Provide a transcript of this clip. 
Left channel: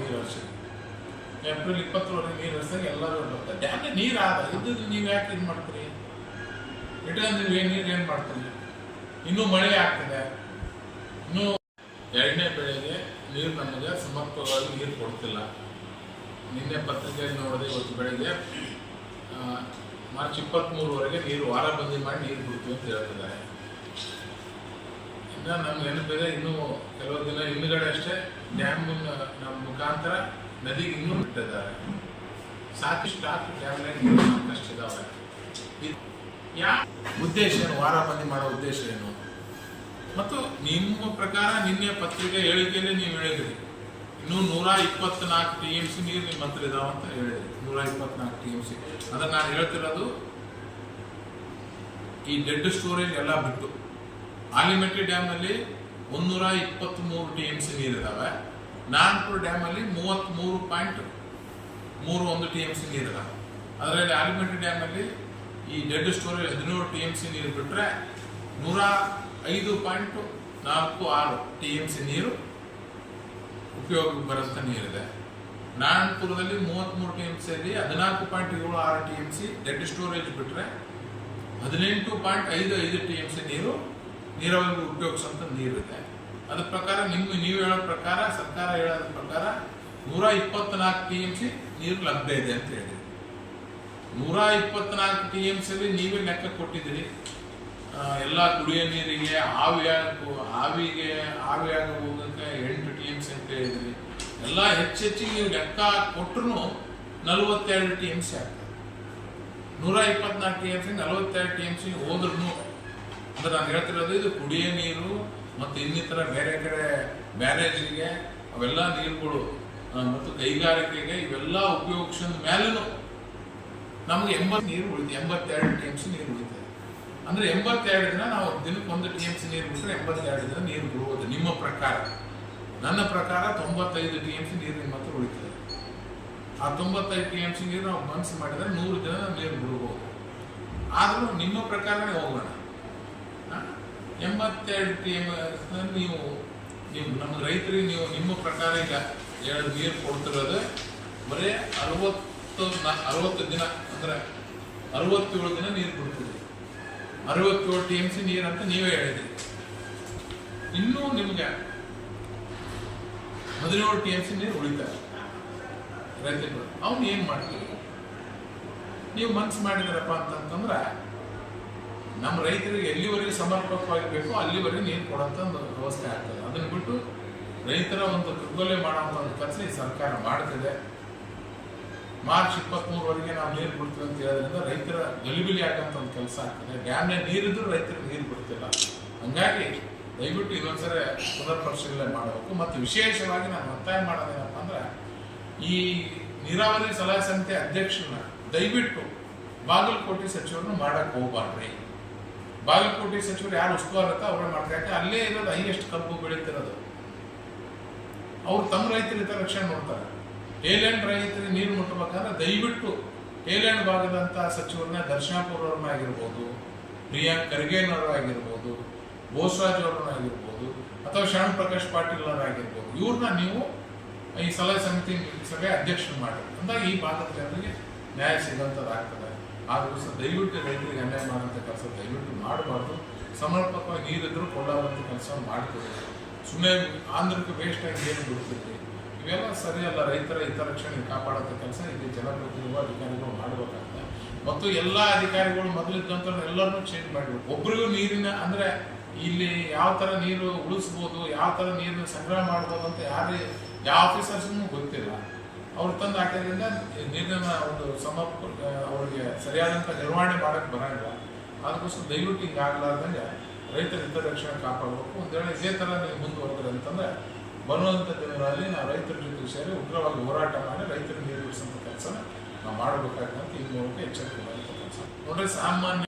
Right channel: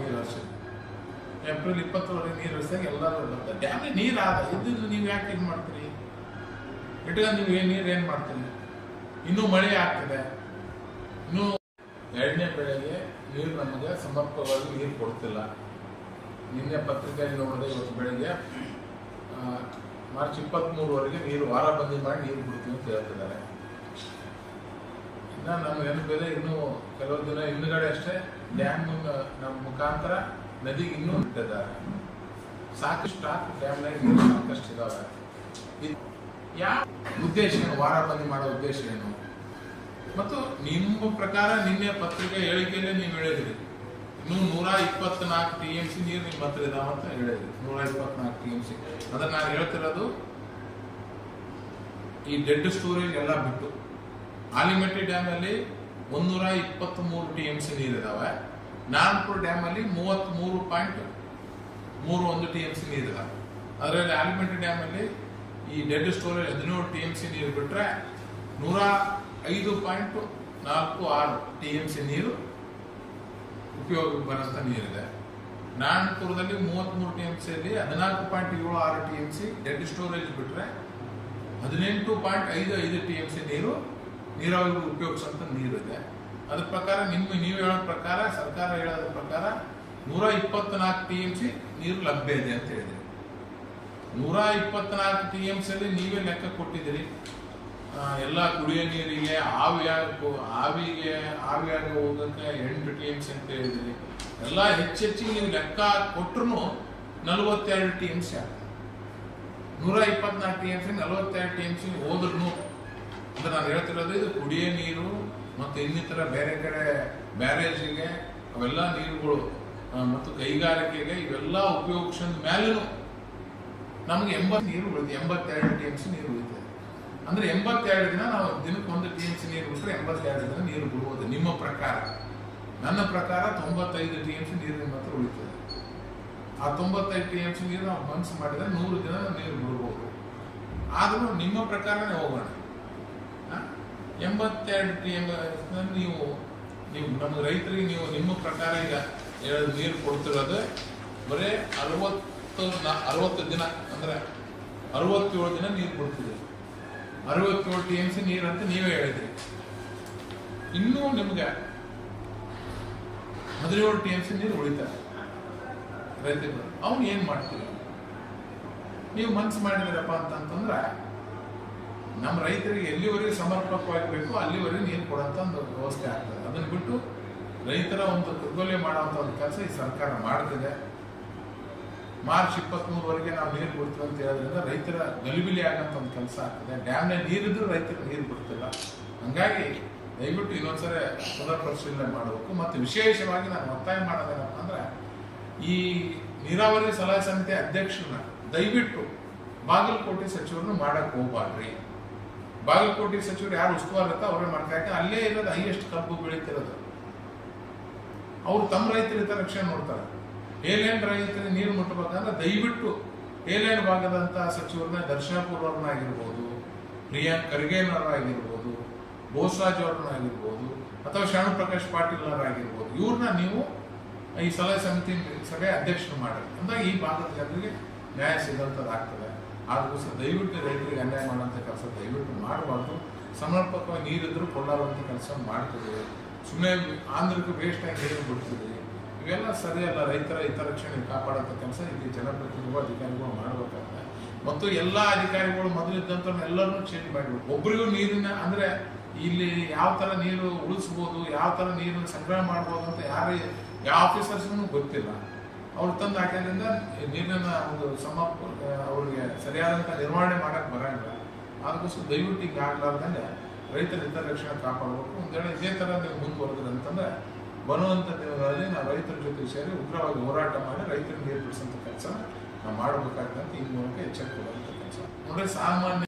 ನೀರು ಹರಿಸಿದ್ವಿ ಏಪ್ರಿಲ್ ಇಪ್ಪತ್ತರವರೆಗೆ ನೀರು ಹರಿಸಿದಾಗ ಎಲ್ಲರೂ ಬರ್ತಾರೆ ಡ್ಯಾಮ್ಗೆ ನೀರು ಆದ? ಇದ್ದಿದ್ದು ನೀವು ಯಾಕೆ ಇದು ಮಾಡ್ತೀರಿ? ಇಟ್ಕೊಂಡು ಏನು ನೀರು ಏನು ಮಾಡ್ತೀರಿ? ಇನ್ನೂ ಮಳೆ ಆಗ್ತಿದೆ. ಇನ್ನೂ ಎರಡನೇ ಬೆಳೆಗೆ ನೀರು ನಮಗೆ ಸಮರ್ಪಕವಾಗಿ ನೀರು ಕೊಡ್ತಿಲ್ಲ. ನಿನ್ನೆ ಪತ್ರಿಕೆಯಲ್ಲಿ ನೋಡಿದೆ, ಇವತ್ತು ಬೆಳಗ್ಗೆ ಮಾರ್ಚ್ ಇಪ್ಪತ್ತ್ಮೂರವರೆಗೆ ನೀರು ವಾರ ಬಂದಿ ಮಾಡಿ ನೀರು ಬಿಡ್ತೀವಿ ಅಂತ ಹೇಳ್ತಿದ್ದಾರೆ. ಇನ್ನು ನಮ್ಗೆ ನೆನಪಿದೆ ಇನ್ನೂ ಕೆಲವು ದಿನ ಹಿಂದ್ಗಡೆ ಅಷ್ಟೇ ಡ್ಯಾಮ್ ನಮ್ಮ ಮುಖಾಂತರ ನದಿಗೆ ಇನ್ನೂ ಬಿಟ್ಟಿದ್ದಾರೆ. ಸಾಕಷ್ಟು ಸ್ಟಾಕ್ ಡ್ಯಾಮ್ನಾಗ ನೀರು ಸಾಕಷ್ಟು ಇದಾವೆ. ಇದ್- ಯಾವ ಉದ್ದೇಶ ಏನು? ವಾರ ಬಂದಿ ಮಾಡೋ ಉದ್ದೇಶ ಏನು? ಮತ್ತು ನಿಮ್ಮ ಪ್ರಕಾರ ನಿನ್ನೆ ಪತ್ರಿಕೆ ಹೇಳಿಕೆಯಲ್ಲೇ ನೀವು ಹೇಳಿದ್ರಿ. ಇನ್ನೂ ನೂರ ಇಪ್ಪತ್ನಾಲ್ಕು ಟಿ ಎಂ ಸಿ ನೀರು ನಿಮ್ಮ ಹತ್ರ ಇದಾವ ಅಂತ ಹೇಳಿದ್ರಿ. ನೂರ ಇಪ್ಪತ್ನಾಲ್ಕು ಟಿ ಎಂ ಸಿ. ಅದನ್ನ ನಾನು ಹೇಳ್ತಿರೋದು ಈ ಡೆಡ್ ಸ್ಟೋರೇಜ್ ಎಲ್ಲ ಬಿಟ್ಟು. ಆಲಿಮೆಟ್ಟಿ ಡ್ಯಾಮಲ್ಲಿ ಒಂದೂರ ಇಪ್ಪತ್ತ್ಮೂರು ಟಿ ಎಂ ಸಿ ನೀರಿದಾವೆ. ಅಲ್ಲಿ ಡ್ಯಾಮಲ್ಲಿ ಮೂವತ್ತ್ಮೂರು ಪಾಯಿಂಟ್ ಮೂರು ಒಂದು ಟಿ ಎಂ ಸಿ ನೀರಿದೆ ಅದರಲ್ಲಿ ಆಲಿಮೆಟ್ಟಿ ಡ್ಯಾಮಲ್ಲಿ ಈ ಡೆಡ್ ಸ್ಟೋರೇಜ್ ಹದಿನೇಳು ಟಿ ಎಂ ಸಿ ನೀರು ಬಿಟ್ಟರೆ ನೂರ ಐದು ಪಾಯಿಂಟ್ ನಾಲ್ಕು ಆರು ಟಿ ಎಂ ಸಿ ನೀರು ಉಪಯೋಗಕ್ಕೆ ಬರೋಂಥ ನೀರಿದೆ. ನಾರಾಯಣಪುರದಲ್ಲಿ ಮೂವತ್ತ್ಮೂರು ಟಿ ಎಂ ಸಿಯಲ್ಲಿ ಹದಿನಾಲ್ಕು ಪಾಯಿಂಟ್ ಏಳು ಆರು T M C dead storage ಬಿಟ್ಟರೆ ಹದಿನೆಂಟು ಪಾಯಿಂಟ್ ಐದು ಐದು ಟಿ ಎಂ ಸಿ ನೀರು ನೀರಾವರಿಗೆ ಉಪಯೋಗಿಸುವಂಥ ಇದೆ ಅದ್ರ ಪ್ರಕಾರ ನಿಮ್ಮ ನೀವು ಹೇಳೋ ಪ್ರಕಾರ, ಸರ್ಕಾರ ಹೇಳೋದ್ರ ಪ್ರಕಾರ ನೂರ ಇಪ್ಪತ್ನಾಲ್ಕು ಟಿ ಎಂ ಸಿ ನೀರು ಲಭ್ಯ ಇದೆ ಅಂತ ಹೇಳಿದ್ರಿ. ನೂರ ಇಪ್ಪತ್ನಾಲ್ಕು ಟಿ ಎಂ ಸಿಯಲ್ಲಿ ನೀವೇ ಲೆಕ್ಕ ಕೊಟ್ಟಿದ್ದೀರಿ. ಎಲ್ಲ ಕುಡಿಯೋ ನೀರಿಗೆ ಆವಿಯಾಗ ಆವಿಗೆ, ಆವಿಯಾಗ ಹೋಗುತ್ತೆ ಎಂಟು ಟಿ ಎಂ ಸಿ ಅಂತ ಹೇಳಿದ್ರಿ ಎಲ್ಲ ಹೆಚ್ಚೆಚ್ಚಿಗೆ ನೀವು ಲೆಕ್ಕ ಕೊಟ್ಟರು ನಲವತ್ತೆರಡು ಟಿ ಎಂ ಸಿ ಆಗ್ತದೆ. ನೂರ ಇಪ್ಪತ್ನಾಲ್ಕು ಟಿ ಎಂ ಸಿ, ನಲವತ್ತೆರಡು ಟಿ ಎಂ ಸಿ ಹೋದ್ರೂ ಅಂದ್ರೆ ನಾನು ಹೇಳ್ತಿರೋದು ಇದು ಕುಡಿಯೋ ನೀರು ಮತ್ತು ಇನ್ನಿತರ ಬೇರೆ ಕಡೆ ಬ್ಯಾರೇಜಿಗೆ ಅವೆಲ್ಲ ನೀರುಗಳು ಮತ್ತು ಕೈಗಾರಿಕೆಗೆ ಇವೆಲ್ಲ ಉಪಯೋಗಿಸಿದ ಮೇಲೂ ನಮಗೆ ಎಂಬತ್ತು ನೀರು ಉಳಿತು, ಎಂಬತ್ತೆರಡು ಟಿ ಎಂ ಸಿ ನೀರು ಉಳಿತದೆ. ಅಂದ್ರೆ ಎಂಬತ್ತೆರಡು ದಿನ ನಾವು ದಿನಕ್ಕೆ ಒಂದು ಟಿ ಎಂ ಸಿ ನೀರು ಬಿಟ್ಟರೆ ಎಂಬತ್ತೆರಡು ದಿನ ನೀರು ಬಿಡುವುದು ನಿಮ್ಮ ಪ್ರಕಾರ. ನನ್ನ ಪ್ರಕಾರ ತೊಂಬತ್ತೈದು ಟಿ ಎಂ ಸಿ ನೀರು ನಿಮ್ಮ ಹತ್ರ ಉಳಿತದೆ. ಆ ತೊಂಬತ್ತೈದು ಟಿ ಎಂ ಸಿ ನೀರು ನಾವು ಮನಸ್ಸು ಮಾಡಿದರೆ ನೂರು ದಿನ ನೀರು ಬಿಡ್ಬೋದು ಆದರೂ ನಿಮ್ಮ ಪ್ರಕಾರನೇ ಹೋಗೋಣ? ಎಂಬತ್ತೆರಡು ಟಿ ಎಂ ನೀವು ನಿಮ್ಮ ನಮ್ಗೆ ರೈತರಿಗೆ ನೀವು ನಿಮ್ಮ ಪ್ರಕಾರ ಈಗ ಹೇಳೋದು ನೀರು ಕೊಡ್ತಿರೋದು. ಬರೀ ಅರವತ್ತು ನಾ, ಅರವತ್ತು ದಿನ, ಅಂದ್ರೆ ಅರವತ್ತೇಳು ದಿನ ನೀರು ಕೊಡ್ತೀವಿ ಅರವತ್ತೇಳು ಟಿ ಎಂ ಸಿ ನೀರು ಅಂತ ನೀವೇ ಹೇಳಿದ್ರಿ. ಇನ್ನೂ ನಿಮ್ಗೆ ಹದಿನೇಳು ಟಿ ಎಂ ಸಿ ನೀರು ಉಳಿತಾರೆ ರೈತರು ಅವ್ನು ಏನು ಮಾಡ್ತೀವಿ ನೀವು ಮನ್ಸು ಮಾಡಿದ್ರಪ್ಪ ಅಂತಂತಂದ್ರೆ ನಮ್ಮ ರೈತರಿಗೆ ಎಲ್ಲಿವರೆಗೆ ಸಮರ್ಪಕವಾಗಿ ಬೇಕೋ ಅಲ್ಲಿವರೆಗೆ ನೀರು ಕೊಡೋಂಥ ಒಂದು ವ್ಯವಸ್ಥೆ ಆಗ್ತದೆ. ಅದನ್ನು ಬಿಟ್ಟು ರೈತರ ಒಂದು ದುರ್ಬಲೆ ಮಾಡುವಂಥ ಒಂದು ಕೆಲಸ ಈ ಸರ್ಕಾರ ಮಾಡ್ತಿದೆ. ಮಾರ್ಚ್ ಇಪ್ಪತ್ತ್ಮೂರವರೆಗೆ ನಾವು ನೀರು ಬಿಡ್ತೀವಿ ಅಂತ ಹೇಳೋದ್ರಿಂದ ರೈತರ ಗಲಿಬಿಲಿ ಆಗೋಂಥ ಒಂದು ಕೆಲಸ ಆಗ್ತದೆ. ಡ್ಯಾಮ್ನ ನೀರಿದ್ರೂ ರೈತರಿಗೆ ನೀರು ಬಿಡ್ತಿಲ್ಲ. ಹಂಗಾಗಿ ದಯವಿಟ್ಟು ಇನ್ನೊಂದ್ಸರಿ ಪುನರ್ ಪರಿಶೀಲನೆ ಮಾಡಬೇಕು. ಮತ್ತು ವಿಶೇಷವಾಗಿ ನಾನು ಒತ್ತಾಯ ಮಾಡೋದೇನಪ್ಪ ಅಂದ್ರೆ, ಈ ನೀರಾವರಿ ಸಲಹಾ ಸಮಿತಿ ಅಧ್ಯಕ್ಷರನ್ನ ದಯವಿಟ್ಟು ಬಾಗಲಕೋಟೆ ಸಚಿವರನ್ನು ಮಾಡೋಕ್ಕೆ ಹೋಗ್ಬಾರ್ರಿ ಬಾಗಲಕೋಟೆ ಸಚಿವರು ಯಾರು ಉಸ್ತುವಾರ ಅವರೇ ಮಾಡ್ತಾರೆ. ಯಾಕೆ? ಅಲ್ಲೇ ಇರೋದು ಹೈಯೆಸ್ಟ್ ಕಬ್ಬು ಬೆಳೀತಿರೋದು. ಅವ್ರು ತಮ್ಮ ರೈತರ ಹಿತರಕ್ಷಣೆ ನೋಡ್ತಾರೆ. ಏಲ್ಯಾಂಡ್ ರೈತರಿಗೆ ನೀರು ಮುಟ್ಟಬೇಕಂದ್ರೆ ದಯವಿಟ್ಟು ಏಲ್ಯಾಂಡ್ ಭಾಗದಂತಹ ಸಚಿವರನ್ನ ದರ್ಶನಪುರ ಅವ್ರನ್ನಾಗಿರ್ಬೋದು ಪ್ರಿಯಾಂಕ್ ಖರ್ಗೆನವರಾಗಿರ್ಬೋದು ಬೋಸರಾಜ್ ಅವ್ರನ್ನ ಆಗಿರ್ಬೋದು, ಅಥವಾ ಶರಣ ಪ್ರಕಾಶ್ ಪಾಟೀಲ್ ಅವರಾಗಿರ್ಬೋದು ಇವ್ರನ್ನ ನೀವು ಈ ಸಲಹೆ ಸಮಿತಿ ಸಭೆ ಅಧ್ಯಕ್ಷರು ಮಾಡಿ ಅಂದಾಗ ಈ ಭಾಗದ ಜನರಿಗೆ ನ್ಯಾಯ ಸಿಗೋಂಥದ್ದು ಆಗ್ತದೆ ಸಹ ದಯವಿಟ್ಟು ರೈತರಿಗೆ ಅನ್ಯಾಯ ಮಾಡೋಂಥ ಕೆಲಸ ದಯವಿಟ್ಟು ಮಾಡಬಾರ್ದು. ಸಮರ್ಪಕವಾಗಿ ನೀರಿದ್ದರೂ ಕೊಳ್ಳಾರಂಥ ಕೆಲಸ ಮಾಡ್ತದೆ. ಸುಮ್ಮನೆ ಆಂಧ್ರಕ್ಕೆ ವೇಸ್ಟಾಗಿ ನೀರು ಬಿಡ್ತದೆ. ಇವೆಲ್ಲ ಸರಿಯಲ್ಲ. ರೈತರ ಹಿತರಕ್ಷಣೆ ಕಾಪಾಡೋಂಥ ಕೆಲಸ ಇಲ್ಲಿ ಜನಪ್ರತಿನಿಧಿಗಳು, ಅಧಿಕಾರಿಗಳು ಮಾಡಬೇಕಾಗ್ತದೆ. ಮತ್ತು ಎಲ್ಲ ಅಧಿಕಾರಿಗಳು ಮೊದಲಿದ್ದಂಥ ಎಲ್ಲರನ್ನೂ ಚೇಂಜ್ ಮಾಡಿಬಿಟ್ಟು, ಒಬ್ರಿಗೂ ನೀರಿನ ಅಂದರೆ ಇಲ್ಲಿ ಯಾವ ಥರ ನೀರು ಉಳಿಸ್ಬೋದು, ಯಾವ ಥರ ನೀರನ್ನು ಸಂಗ್ರಹ ಮಾಡ್ಬೋದು ಅಂತ ಯಾರು, ಯಾವ ಆಫೀಸರ್ಸ್ಗೂ ಗೊತ್ತಿಲ್ಲ. ಅವ್ರು ತಂದು ಹಾಕೋದ್ರಿಂದ ನೀರಿನ ಒಂದು ಸಮ ಅವ್ರಿಗೆ ಸರಿಯಾದಂಥ ನಿರ್ವಹಣೆ ಮಾಡಕ್ ಬರಂಗಿಲ್ಲ. ಅದಕ್ಕೋಸ್ಕರ ದಯವಿಟ್ಟು ಹಿಂಗೆ ಆಗ್ಲಾರ್ದಂಗೆ ರೈತರ ಹಿತರಕ್ಷಣೆ ಕಾಪಾಡಬೇಕು. ಒಂದು ವೇಳೆ ಇದೇ ಥರ ನೀವು ಮುಂದುವರೆದ್ರೆ ಅಂತಂದ್ರೆ ಬರುವಂಥ ದಿನಗಳಲ್ಲಿ ನಾವು ರೈತರ ಜೊತೆ ಸೇರಿ ಉಗ್ರವಾಗಿ ಹೋರಾಟ ಮಾಡಿ ರೈತರಿಗೆ ನೀರು ಬಿಡಿಸೋಂಥ ಕೆಲಸ ನಾವು ಮಾಡಬೇಕಾಗ್ತದೆ ಅಂತ ಈ ಮೂಲಕ ಎಚ್ಚರಿಕೆ ಕೆಲಸ ನೋಡ್ರಿ, ಸಾಮಾನ್ಯ